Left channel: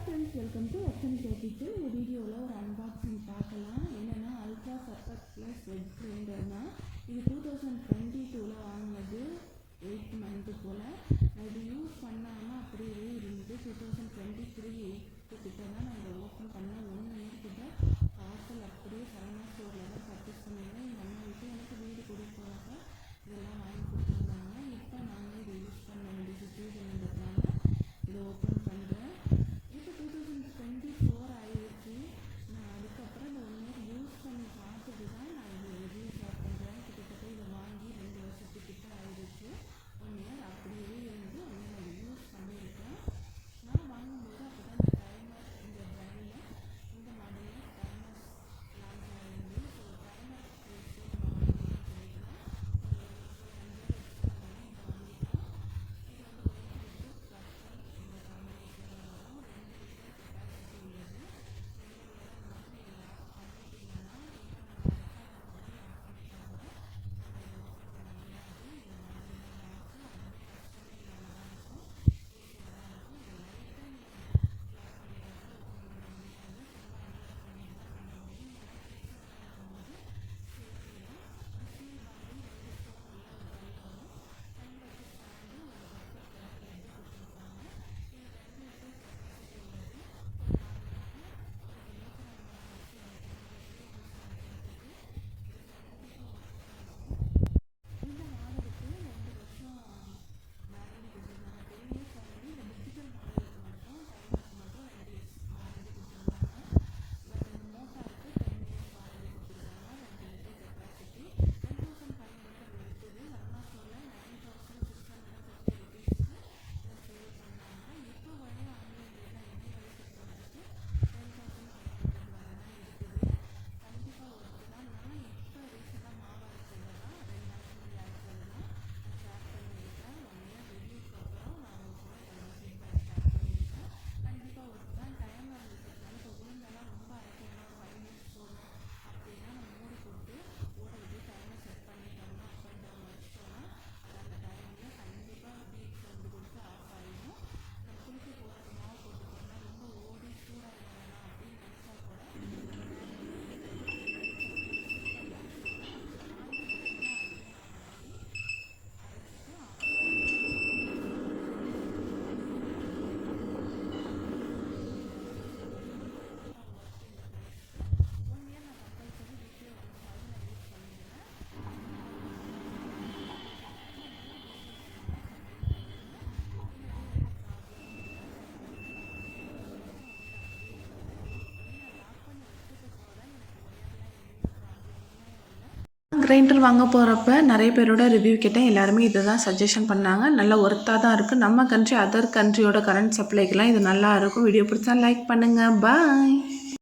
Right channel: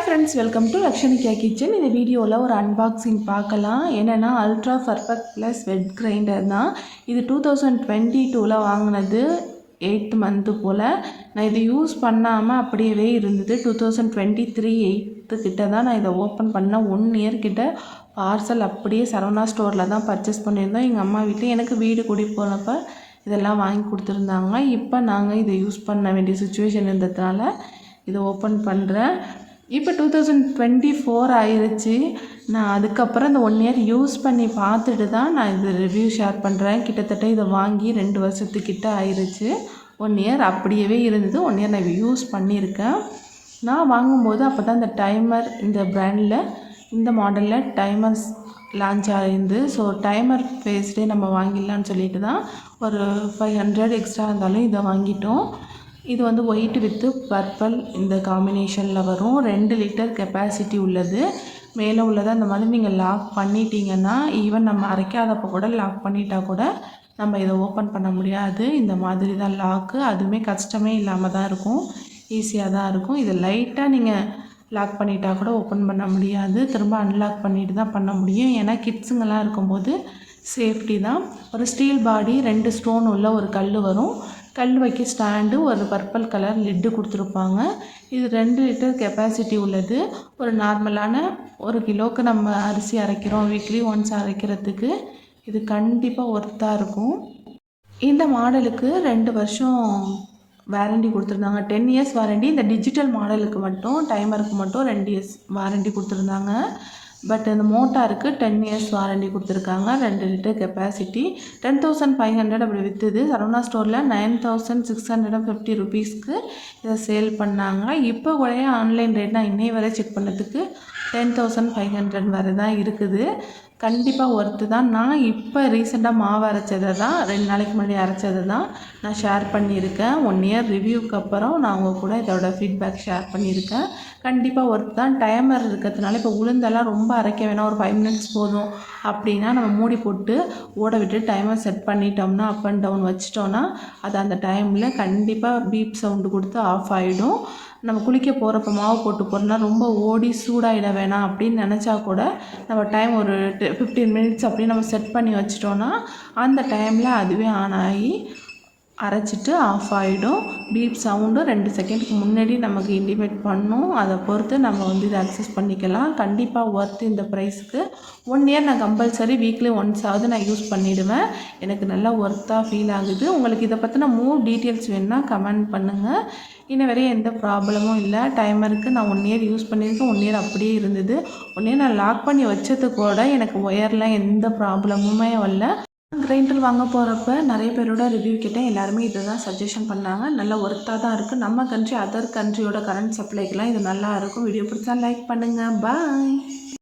Hi friends, welcome to Lakshmika kitchen. இந்த வீடியோவில் ஒரு அன்பாக்சிங் பார்க்கலாம். என்னென்னா ultra perfect plus wet grinder தான். இது 2022 வாங்கினது 8th மந்த்து போல். நான் இதை யூஸ் பண்ணாமல் அப்படியே இருந்தது. 2023 8th கிட்ட தான் நான் இதை ஓப்பன் பண்ணேன். 1 இயர் கிட்ட பார்சல் அப்படியே சரவணா ஸ்டோரில் தான் பர்ச்சேஸ் பண்ணியிருந்தோம். எங்கள் அம்மா வீட்டில் எனக்கு வீடு கூடி போனப்போ இதெல்லாம் வாங்கி கொடுத்துருந்தாங்க. இப்போ நாங்கள் இதை யூஸ் பண்ண வேண்டிய சுச்சுவேஷன் இருந்ததுனால இதை ஓப்பன் பண்ணுறேன். இப்போ 2024 ஆயிடுச்சு. நான் அதுக்கப்புறம் இந்த 1 இயர் யூஸ் பண்ணி பார்த்துட்டு தான் நான் இது ரிவ்யூ ஷேர் பண்ணுறேன். கிட்டத்தட்ட இதை வாங்கி 2 வருஷத்துக்கிட்ட ஆயிடுச்சு. 1 இயர் அப்படியே இருந்தது. 1 இயர் நான் யூஸ் பண்ணியிருக்கேன். நான் வாங்கும்போது அப்போ தான் இந்த டைமர், இந்த பிராண்டில் இந்த மாடலில் டைமர்ஸ் லான்ச் ஆகிருந்து. ஸோ டைமர் பேஸ்டே நம்ம வாங்கிடலான்னு சொல்லிட்டு தான் ஒரு 500 எக்ஸ்ட்ரா இருந்தாலும் இதை வாங்கிட்டோம். இது வந்து ஒயிட் வித்து பர்பிள் இந்த காம்பினேஷனில் வரும். 2 லிட்டர் கெப்பாசிட்டி உள்ளது. மேலே உள்ளதை அந்த மாதிரி நீங்கள் லாக் பண்ணிட்டீங்கன்னா, ஈவன் நம்ம அரைக்காதப்போ கூட லாக் பண்ணிட்டா கூட நம்ம இதை ஓப்பன் பண்ண முடியாது. இந்த மாதிரி தான் லாக்கு. அதுவுமே கஷ்டமே இல்லாமல் தான் இருக்கும், ஈஸியாக தான் இருக்கும். இதை லைட்டாக நீங்கள் லாக் பண்ணிட்டா கூட ஓப்பன் பண்ண முடியாது. திரும்ப அன்லாக் பண்ணிட்டு தான் பண்ண முடியும். ஏன்னா கிட்ஸுங்கெல்லாம் இருக்கும்போது சேஃப்டி தான். ஒரு ஸ்டீல் பாடி, 2 ஸ்டோன் உள்ள ஒரு கல் வரும். கல் வைக்க ஸ்டாண்டு, ஒரு பர்பிள் கலர் லிட்டு கொடுத்துருப்பாங்க. இது 2 லிட்டர் கெப்பாசிட்டி உள்ளது. ஒரு நார்மலான 1 கிலோவுக்கு நம்ம அரிசி அரைக்கிறோம், வீக்லி ஒன்ஸ் அரைக்கிறதுக்கு இது கண்டிப்பாக ஒர்த்தாக இருக்கும். இந்த மாடலுக்கு 2 வருஷம் வாரண்டி கொடுத்துருந்தாங்க. 10 இயர்ஸ் வாரண்டி. இந்த டிஜிட்டல் மாடலுக்கு மட்டும், டைமருக்கு மட்டும் 2 இயர்ஸ் வாரண்டி கொடுத்துருந்தாங்க. பட் இந்த மோட்டாருக்கு 10 இயர்ஸ் வாரண்டி கொடுத்துருக்காங்க. 2 லிட்டர் கெப்பாசிட்டி. 10,500 அப்படி விற்றுது. சரவணா ஸ்டோரில் 9,650 ருபீஸ்க்கு இதை சேல் பண்ணாங்க. இப்போ கூட ஆன்லைன் ரேட் நான் இன்னை வரை செக் பண்ணதுக்கு 10,500 வரை தான் இருக்குது. கண்டிப்பாக ஒர்த்து தான். நான் இப்போ ரீசெண்டாக மாவு அரைச்சதை தான், 2 நாளைக்கு முன்னாடி அரைச்சதை தான் நான் ஷேர் பண்ணியிருக்கேன். 1 இயர் ரிவ்யூக்கு அப்புறம் நான் உங்கள் கூட இதோட ஃபீட்பேக் ஷேர் பண்ணியிருக்கேன். கண்டிப்பாக ஒர்த்து தான். டைமர் இருக்கிறதுனால இப்போ உளுந்தெல்லாம் ரொம்ப அரைக்க வேணாம், ஒரு 5 மினிட்ஸ் போதும் அப்படின்னா நம்ம மூடி போட்டு ஓட விட்டு டைமர் செட் பண்ணிட்டோம்னா, அப் அண்ட் டவுன் வச்சிட்டோன்னா அது அந்த டைமில் கண்டிப்பாக பீப் சவுண்டு கொடுத்து ஆஃப் ஆகிடும். நம்ம குளிக்க போகிறப்ப மாவு போட்டு போகிறோன்னா ரொம்ப ஓடி சூடாகிட வேணாம் அப்படின்னு நினச்சா கூட நம்ம டைம் ஒரு 15 மினிட்ஸ் அப்படின்னு நம்ம செட் பண்ணி வச்சிட்டோன்னா அந்த டைமில் அதுவே ஆன் ஆகி அரைச்சிட்டு ஆஃப் ஆகிடும். பீப் சவுண்டும் 2 செகண்டுக்கு முன்னாடி நமக்கு இண்டிமேட் பண்ணும். அதை பொறுத்து நம்ம வந்து இதை அக்சஸ் பண்ணிக்கலாம். கண்டிப்பாக ஒர்த்து இந்த ப்ரைஸுக்கு. 1 இயர் நான் கம்பல்சரி வீக்லி ஒன்ஸ் ஆகுது நான் யூஸ் பண்ணிவிடுவேன். எனக்கு நல்லா ஒர்த்தாக ஃபீல் ஆகுது. உங்களுக்கு இதை பற்றின மோர் டீட்டெயில்ஸ் வேணுன்னா கமெண்ட் பண்ணுங்கள். இன்ன வரையும் எந்த ப்ராப்ளமும் இல்லை. டைமருக்கு நான் 1 இயர் யூஸ் பண்ணியிருக்கேன். 1 இயர் அப்படியே இருந்தது. 1 இயர் நான் லாக் பண்ணி வச்சது கூட எனக்கு ஒயரில் எந்த ப்ராப்ளமுமே வரல. கிரைண்டர் வாங்க போகிறப்ப நிறைய பேரோட ரிவ்யூ கேட்டேன். எல்லாருமே இதை தான் சஜஷன் பண்ணாங்க. நல்லா ஒர்த்தாக தான் இருக்குது. நம்ம கண்ட்ரி, அதர் கண்ட்ரியோட கரண்ட் சப்ளைக்கெலாம் இது நல்லா இருக்கும். வீடியோ பிடிச்சா லைக் பண்ணுங்கள். பாய்.